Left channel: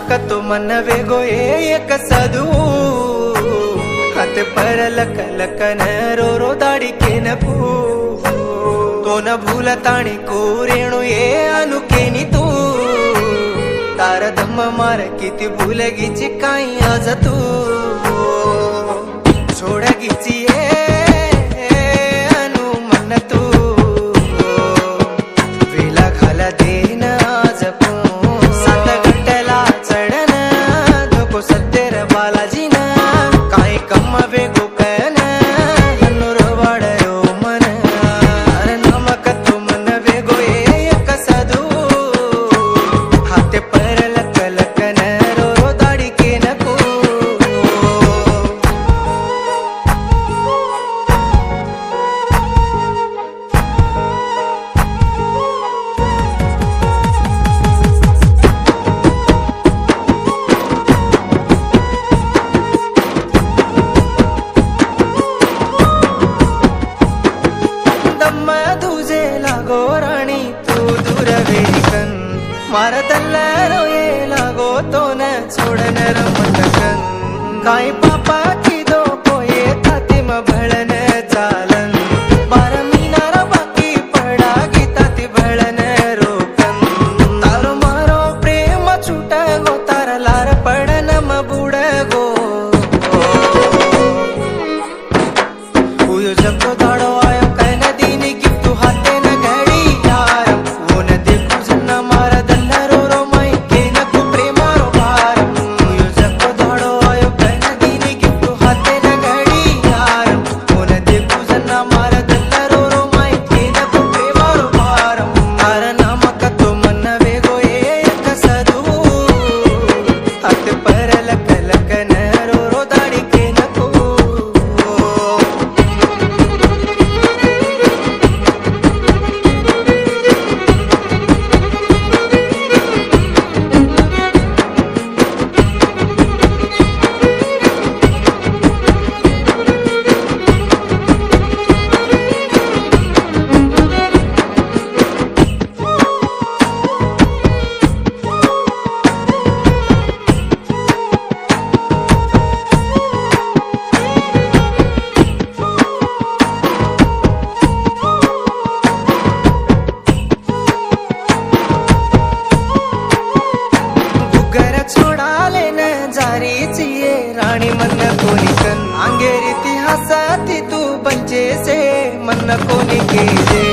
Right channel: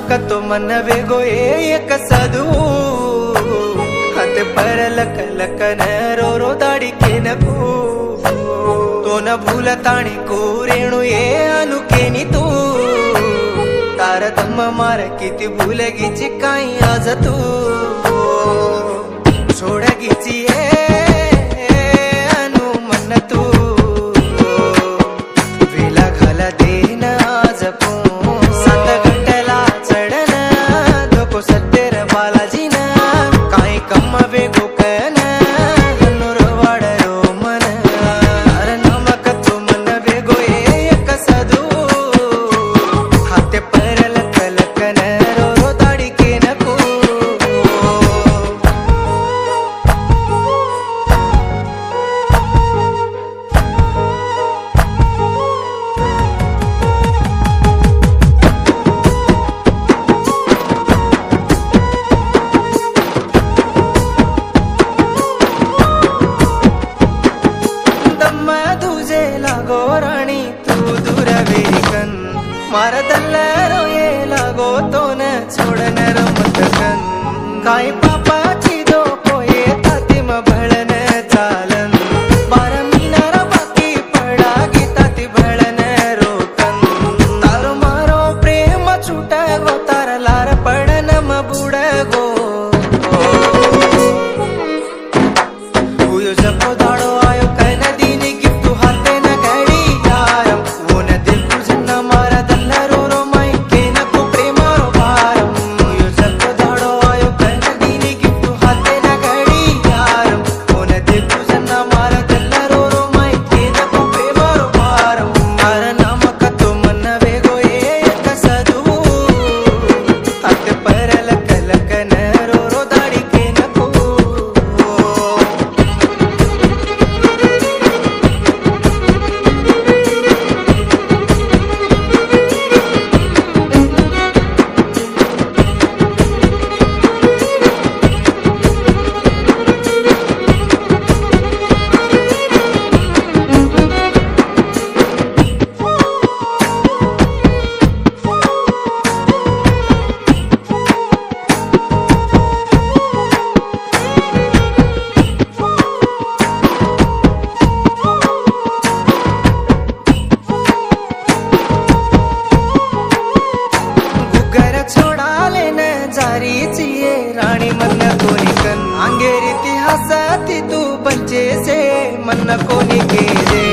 नमक तो मन वेगो एक सदू हत पर लक लकन रो दाड़ी के नकू तो न भूल ताणी को रेणु ये अनुकेनी तू तार दम मार किती भूल गीची काही आज तू छोड़ गीची अनु मन तू वेला घाला देन आज पू सात घंटेला चढन धोको सत्तेर बालाजी ना काही कम वेगो कन हनुर वाडरो मन अरे नमक तो मन वेगो एक सदू हाते पर लक लकन रो दाड़ी के नको लागो राणी तू दूर वेकन मार दल्लारो ये लागो तो न छोड़न रमत कन काय पापाची दो पोये ताती म भळन चालन बार मीनार बाकी पडा गीताती भळन रोकन तारो मारो प्रेम छूट गो तार लार पडन म बुड गो हुयो जको दाडो आयो काय नदी नि गिफ्ट हाते न घडी यारम वो न देखू जन्ना मारा दल्ला रो रो माई के न को प्रेमारो भारम हुयो जको दाडो आयो काय नदी नि गिफ्ट हाते न घडी यारम वो न देखू जन्ना मारा दल्ला रो रो माई के न को प्रेमारो भारम तार नमक तो मन वेगो एक सदू हाते पर लक लकन रो दाड़ी के नको जारी चिये रानी मन कोनी कन अंगेर इतिहास तू बंचे से मन कोनी के जे